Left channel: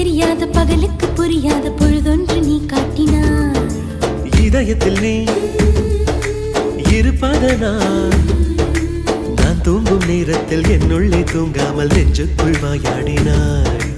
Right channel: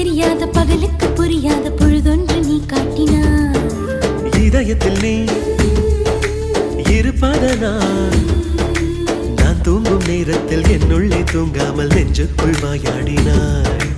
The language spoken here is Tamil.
தெரியாத பகலுக்கு புரியாத பொழுதொன்று நீ காட்டினாய். இதயத்தில் நீ இருப்பதனால் நான் தூங்கும் நேரத்தில் என்னுள்ளே தூங்காமல் நெஞ்சுக்குள் வாயாடினாய்.